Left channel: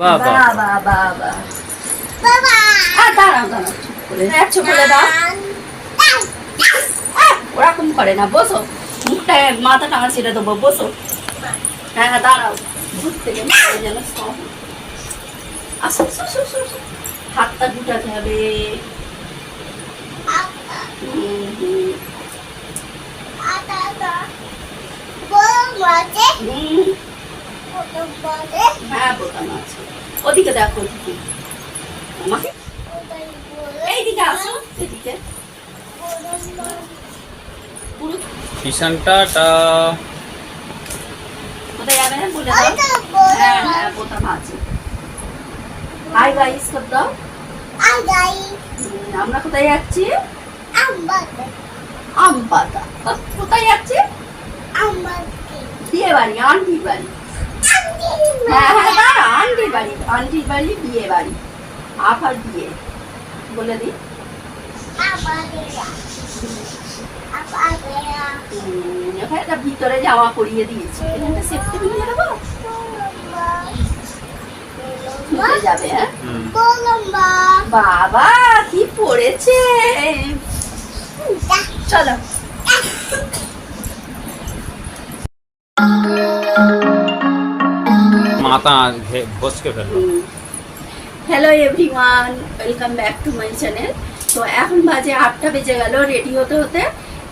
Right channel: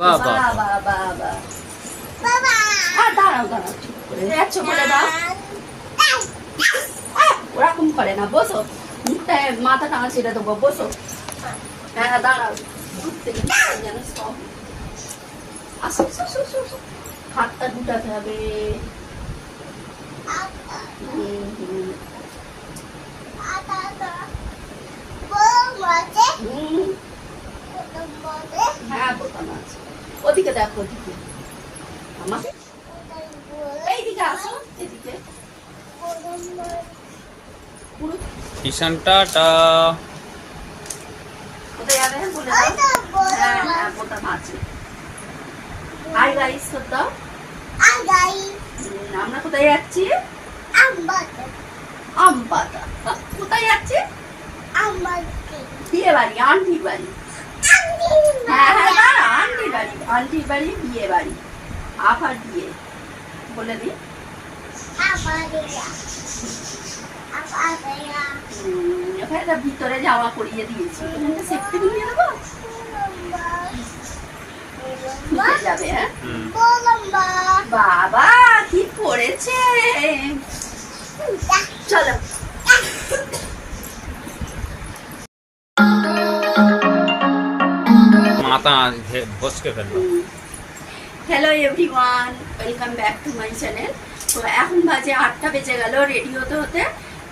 বাবা। বাবা বাবা আর দাঁড়াও দাঁড়াও চুপ করে। যাচ্ছ বলে দাও ওরকম করে না বসো। মুখটায় মাথা টাঙা ছেড়ে দেবো বসো। হ্যাঁ দাঁড়াও। দূর থেকে যেন strong। আসো, আসো, আসো, আসো, আসো। হাতটা গুটাতে হবে। হুম। হ্যাঁ বোতাম আছে ওদিকে দেখো ওদিকে। আমাকে এইদিকে আসো এদিকে পুরো কিষান টাটা কোথায় যাবে? বলে দাও। হ্যাঁ হ্যাঁ বোতাম আছে হাই গাইস কর দাও? হুম, আমরা কোথায় যাচ্ছি? আম পাতা। কোথায় যাচ্ছি? বিয়ে বাড়ি আন্টির বাড়ি। হ্যাঁ হ্যাঁ ভিতরে জামা পরিয়ে দিয়েছি। সেফটি হ্যাঁ? বাবা কি পড়েছে? চলো। ঘষকে ফেলল hello everyone welcome back to my channel তো এখন বাজে আটটা বেজে গেল রেডি হতে হতে।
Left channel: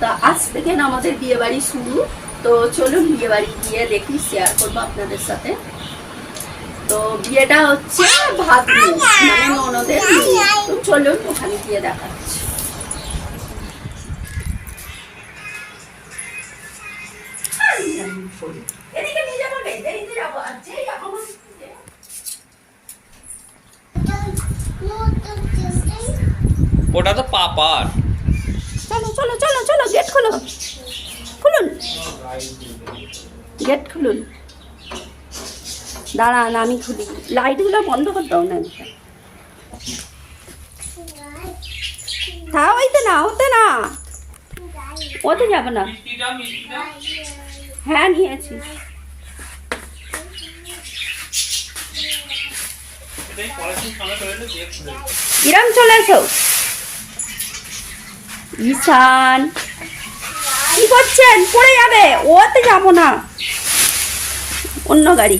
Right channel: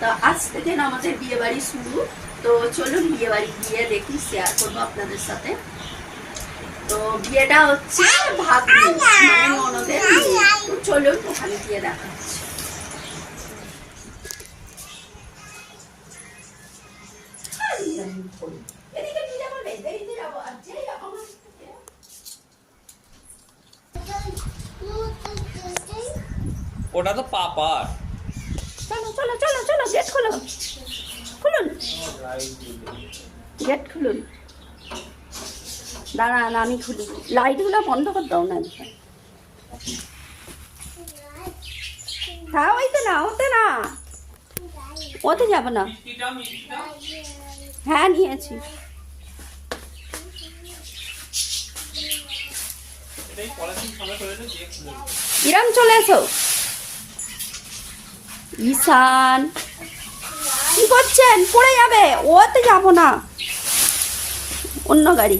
তো আজ থেকে আমাদের বিয়ে বাড়ি শুরু। তো চলুন বিয়ে বাড়ি গিয়ে দেখি শেয়ার করব আপনাদের সাথে। তো বিয়েটা হচ্ছে ভাগ্নি মানে ননদের তো চলুন ওখানে গিয়ে দেখাচ্ছি। ওটা তো পাপার। চলো চলো চলো চলো গেট খুলো খুলুন। গেট খুলুন। দাঁড়ান আমি খুলি। লাইটগুলো বন্ধ করে দাও না হ্যাঁ ওইতে না ওতে না। ওতে যাবে না। হ্যাঁ নিয়েছি। কিরম চলে এসো ঈশান। কি করছেন? পড়ে যাবে। ওতে যাব না। অন্য গাড়ি।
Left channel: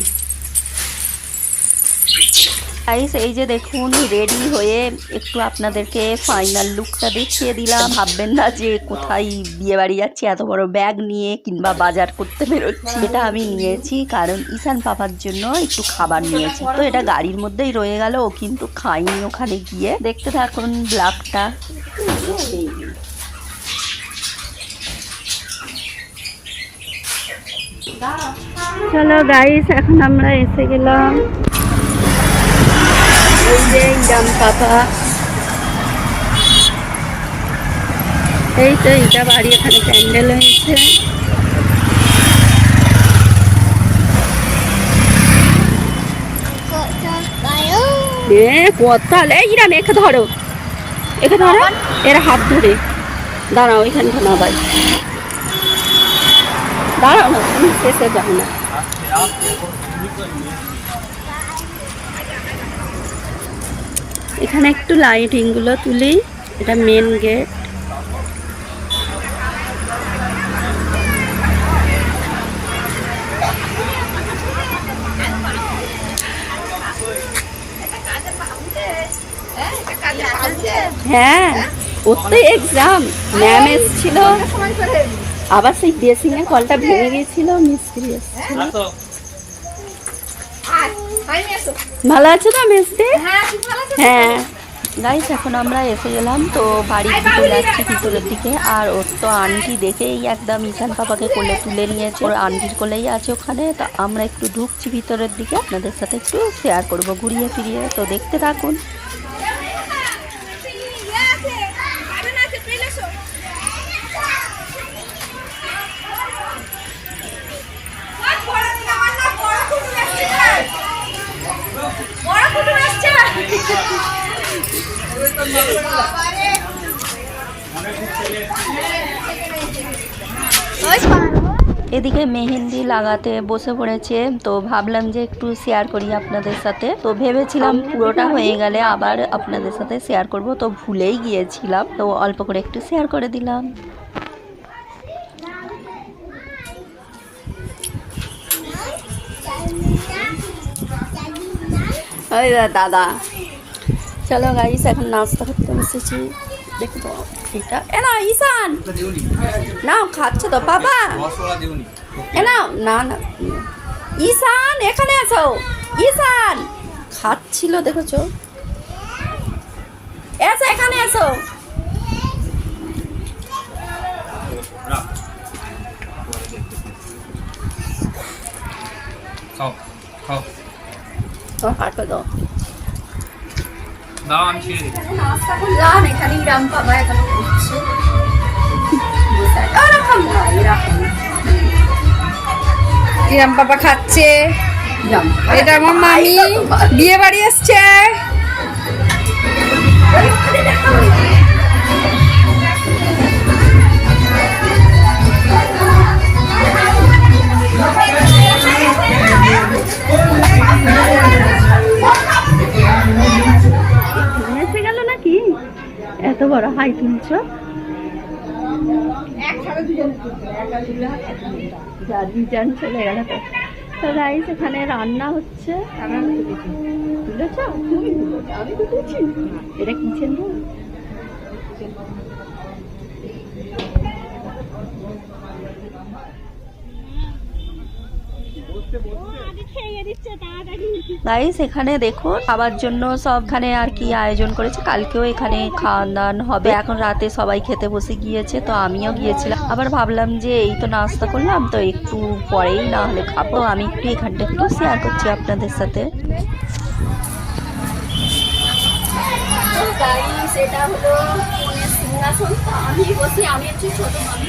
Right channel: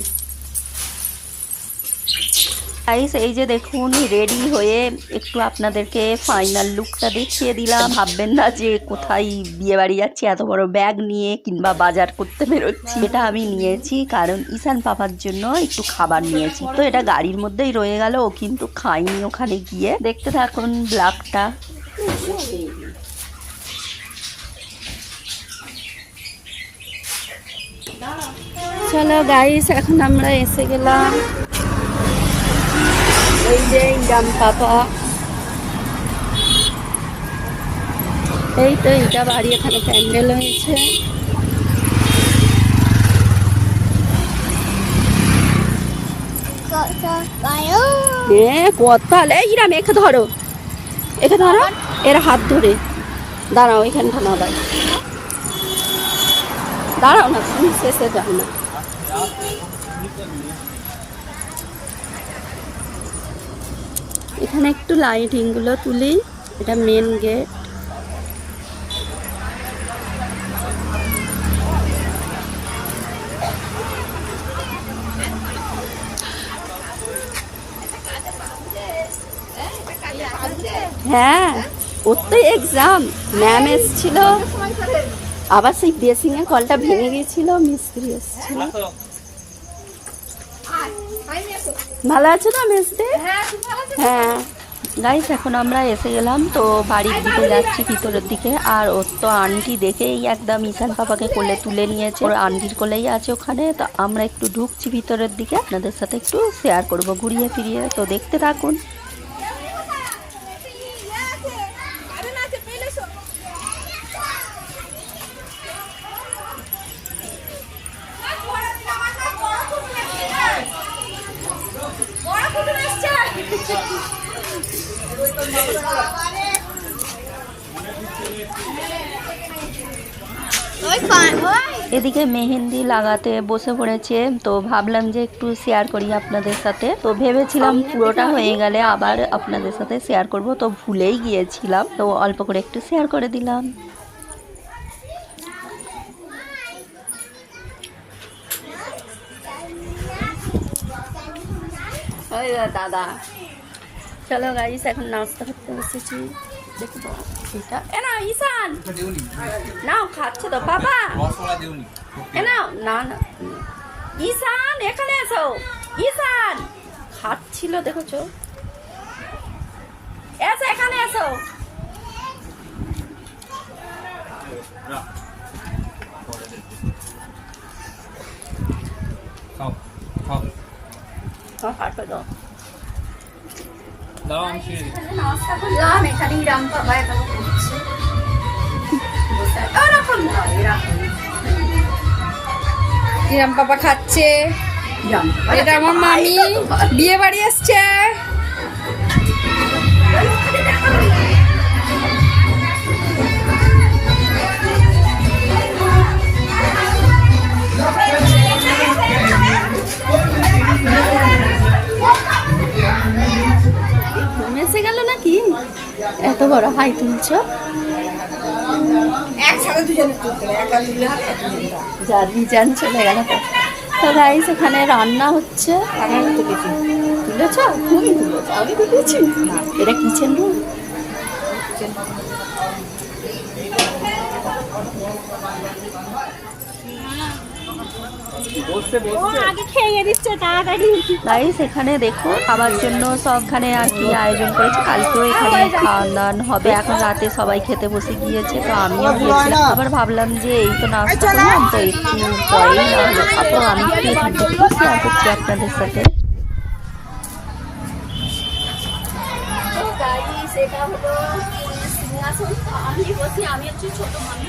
গাইস এই যে দেখুন রেডি হয়ে একটু আপনাদেরকে ফাইনাল লুকটা দেখিয়ে দিলাম। ভাববেন না যে কোথায় বিয়ে বাড়ি যাচ্ছি, এত বড় ব্যাগ নিয়ে কিংবা বাজার করতে বেরোচ্ছি। এটা আমি নিয়েছি, কারণ ঈশান পাপার জন্য একটু খাবার নিয়েছি। তো এটা গাড়ির মধ্যেই রয়ে গেল, ও কিন্তু খাইনি ওখানে গিয়ে। দেখতে থাকুন ব্লাগটা। চলো গাইস এখন আমরা এসে গেলাম। জাম পাতা। এই তো এটা বাড়ি, এখানে প্যান্ডেল হয়েছে। হ্যাঁ কথা এই ইরাম একে ধরো। একে ধরো। এর হাত ধরে। দাঁড়াও, এখানে থামা ভাই দাঁড়াও না না এখানে একটু লাইটিংগুলো তুলি, এটা মেন গেট হ্যাঁ ওর তো এক্সাম ম্যাম এসেছিল। আবার সেই ড্রেসিং এর কলটা ভেঙে গিয়েছিল মিস্ত্রি ভালো আছো তো মিস্ত্রি হ্যাঁ। গাইস এখন আমরা এসে গেলাম তো বাড়ির দিকে যাচ্ছি ভিতরের দিকে। আর ওর তো আন্টি দেখেই একদম ঈশান পাপাকে কোলে তুলে নিয়েছে। ওর আন্টির কোলেই আছে ওখানে তো আমরা একটু ঢুকছি ভিতরের দিকে। আপনাদের সাথে একটু শেয়ার করব ঘুরিয়ে ফিরিয়ে। তো দেখতে থাকুন। এদিকে মেহেন্দি লাগাতে বসে পড়েছে তো ভাবলাম যে একটু শেয়ার করি আপনাদের সাথে। তো ভেবেছিলাম পুরোটা হয়ে গেলে আবার আপনাদের সাথে শেয়ার করব তো ভুলেই গিয়েছিলাম। তো অল্প করে একটু শেয়ার করে দিলাম। দাদা। চলো গাইস এখন নাস্তা করতে বসেছি। দেখো এটা। এ না ঈশান। না খাচ্ছ তো বাবা। এ না না না ঈশান এখানে আসো ঈশান খাচ্ছিল দেখেছ? এসো এখানে এসো। খাও খাও। তোমার পাঠটা দাও। দাও আমি ছিঁড়ে দিচ্ছি। নাস্তা করলাম এখানে রাম বাবা এখানে করছে এরকম না এরকম বাবা খাচ্ছে। এটা আমার মামি। বিয়ে বাড়ি এসছে। তুলছ যা দিয়ে যান চলে গেল তো। গাইস এখানে রান্না হচ্ছে। তুলেছ? তুমি তুলেছ। আমি তুলেছি এটা কিচেন রুম গাইস এখানে দেখো খাবার জন্য সবখানে আর কি আয়োজন করেছে। কালকেও এখানে খাওয়ান দাওয়ান হবে। এখন রাতে সবাই খেতে বসে গিয়েছে তো আমিও গিয়েছিলাম। আবার ভাবলাম যে এই তো নাস্তা করলাম তো একটু পরেই না হলে খাব। আমি একটু এখানটা একটু শেয়ার করছি আপনাদের সাথে। এটা হলো সিংহাসন। আমি বসি আমি হচ্ছে ছোট মামি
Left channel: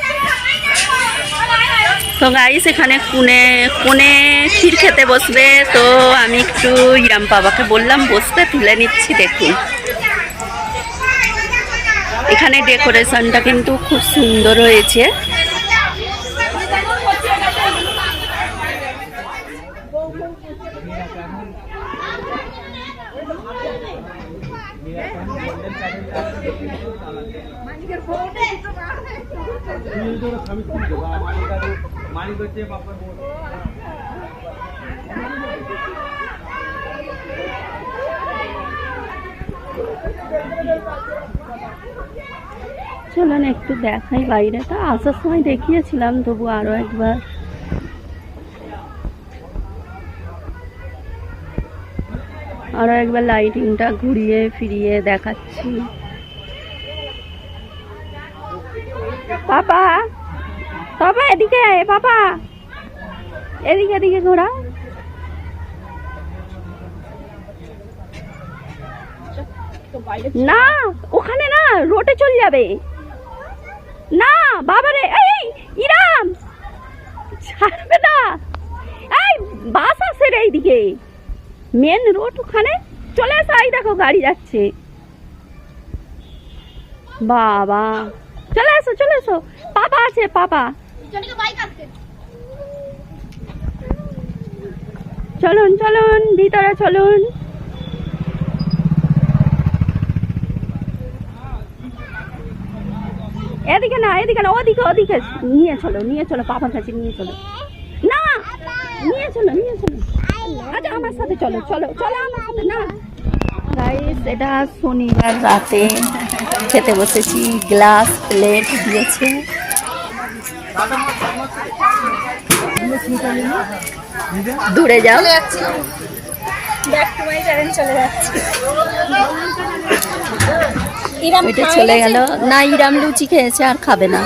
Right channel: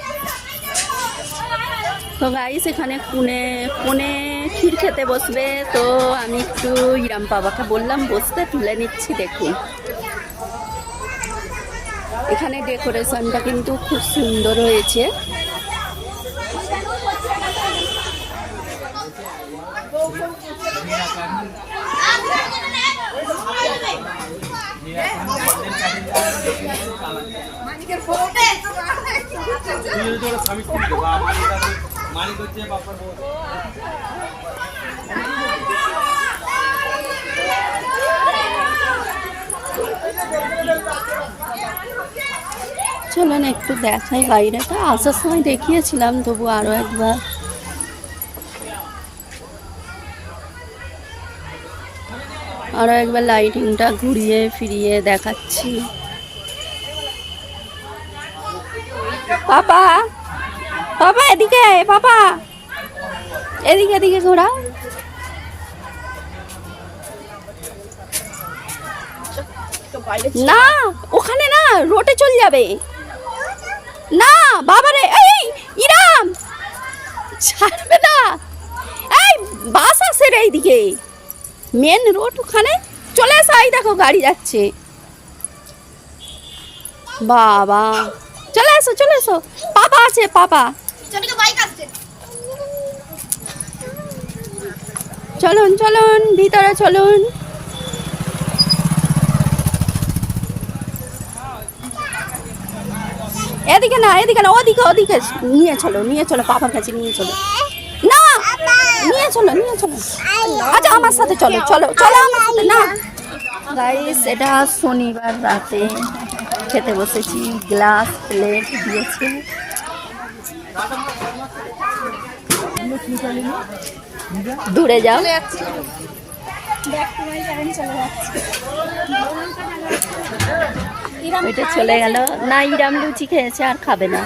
তো গাইস এখানে কুনে কোনে ক্ষীর খেতে বসবে। তো আমি একটু ইরাম বাবাকে বললাম, বসতে তুলে নিচ্ছি, দেখুন। এখানে ডেকোরেশনটা কিন্তু খুব সুন্দর হয়েছে। চলো না একটু দেখাই বাইরেটা। আসার সময় দেখিয়েছিলাম, তবু আরও একবার। আরও একবার লাইটিংটা ঘুরিয়ে ফিরিয়ে দেখাচ্ছি। পাপা! পাপা, এদিকে পাপা! এদিকে এদিকে ঘোরাও। না, ওখানে না, রোডে চলে যাবে। না বাবারে এই ইরাম! ছাড়বে না। এই বাস আছে রে এইদিকে। মেন রোড ওখানে। চলে এসো এই দেখো গাড়ি যাচ্ছে। বাবা। চলে এসো চলে এসো পাপা আছে পাপা। চলুন চলুন ভিতরে চলুন। এদিকে না এদিকে না, ওদিকে ওদিকে। নিয়ে চলো নিয়ে চলো পাপার কাছে নিয়ে চলো। না, নিয়ে চলো নিয়ে চলো। আচ্ছা আমার সাথে চলো চলো চলো আমার সাথে, না। গাইস এটা শনিবার রাতে খেতে বসেছি গ্লাস প্লেট দিয়েছে। দূরে যাও। চলে যাচ্ছে। এটা চলে গেল। না ইরাম লুচি খেয়েছে আর খাবে না।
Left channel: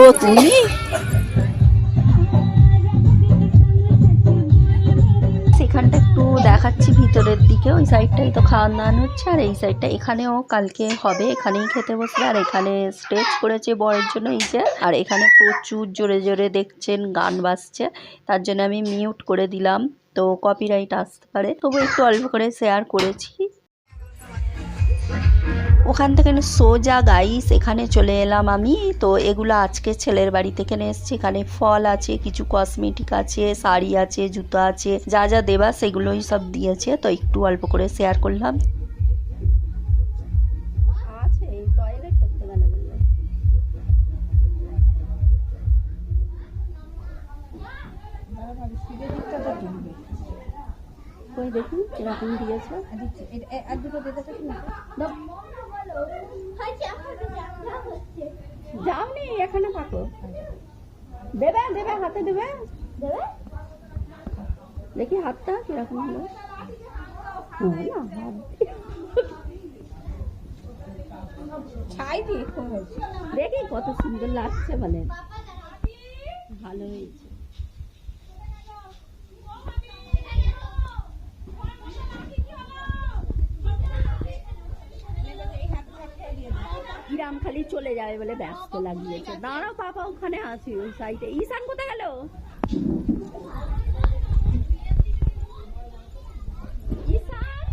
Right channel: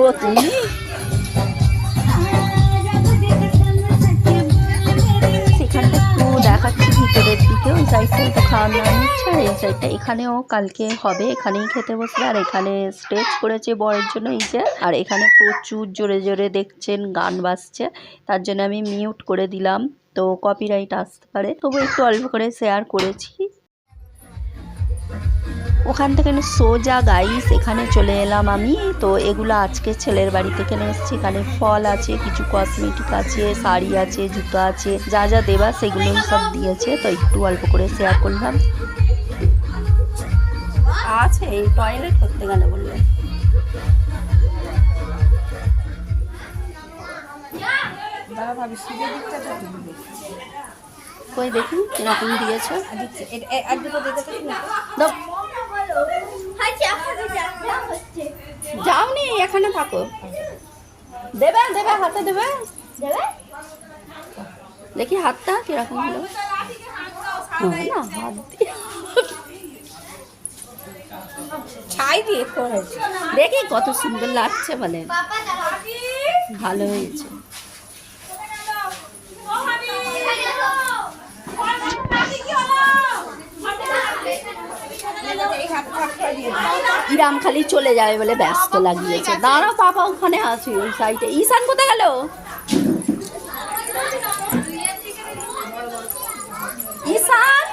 ও তুমি? একটু দেখাচ্ছি ভিতরের দিকে। ওই সাইডটাই তো খাওয়ার দাওয়ানো হচ্ছে। আর এই সাইডটা এখানেও কালকে হবে। এখানেই খেতে বসবে। আর এখানে স্টেজ করেছে বরের জন্য এই যে। আর এখানে প্রচুর জোরে জোরে দেখছেন, গান বাজছে। তার জন্য আমি মিউট করে দিলাম। তো কপিরাইট আসতে পারে। তবু একটু অল্প করে শেয়ার করেছি। ওখান থেকে সোজা গাইস এখানে চলে এলাম আমি। তো এগুলো আজকে ছেলের বাড়ি থেকে নিয়ে এসেছি। এখানে ফল আছে কিছু কসমেটিক আছে শাড়ি আছে জুতো আছে যা যা দেবা সেগুলোই সব দিয়েছে। তো একটু অল্প করে শেয়ার করলাম। আছে এই টয়লেট করতে গেলে বললে। কই দেখি এরকম দিয়েছে? দাও। যাওনি এখানে থাকো। দেবে দেবে হাতে দেবে। দেখি হাতটা কীরকম হলো। না, হাত দিয়ে- ছাই দিয়ে করেছে দেখি কত সুন্দর লাগছে বলে। ভালো হয়েছে। ইরাম খালি চলে যাবে বলে ব্যস্ত লাগিয়েছে। দাঁড়াও বাবা, ওখানে আছে ওই সাইডে ঈশান কোথায় গেল? ঈশান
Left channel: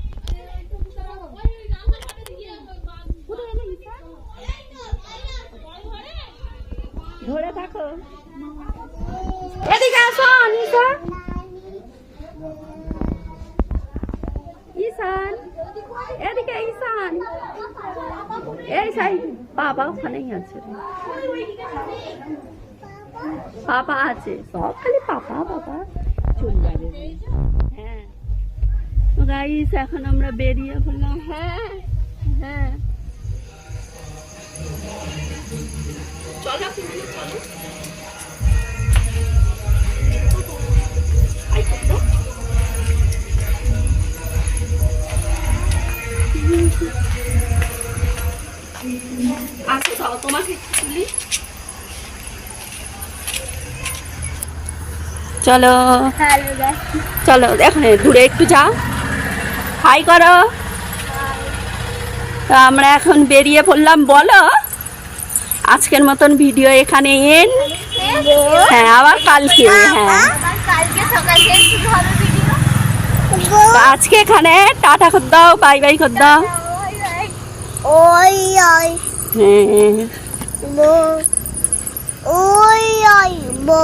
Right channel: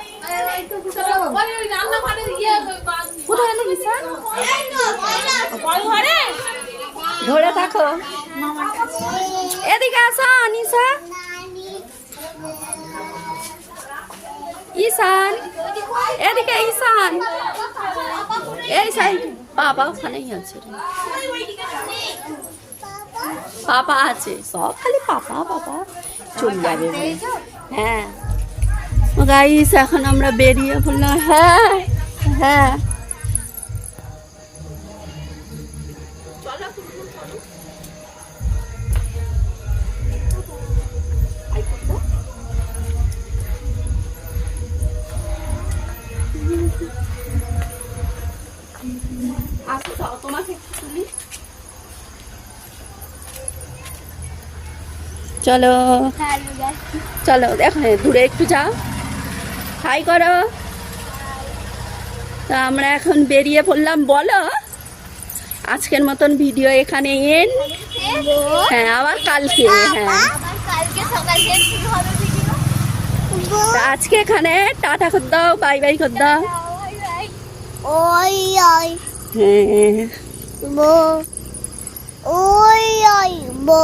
ধরে থাকো। এদিকে আসুন ঈশান ঈশান এদিকে ঈশান এই সাইড বাবা ওখানেই আছে। পাপা আছে সব খালি পাপা বাবা চলে যাবে হ্যাঁ গাইস এখন আমরা বেরিয়ে পড়লাম হ্যাঁ হ্যাঁ আসো চলো চলো এখন ঘুরে একটু যাও হাই করো তো আমরা এখন বেরিয়ে পড়লাম বলো আজকের মতন ভিডিও এখানে এন হ্যাঁ আবার কালকে হ্যাঁ আজকে এখানে টাটা কর দাও বাই বাই কর দাও ওই ওই হ্যাঁ বো ওই ওই বো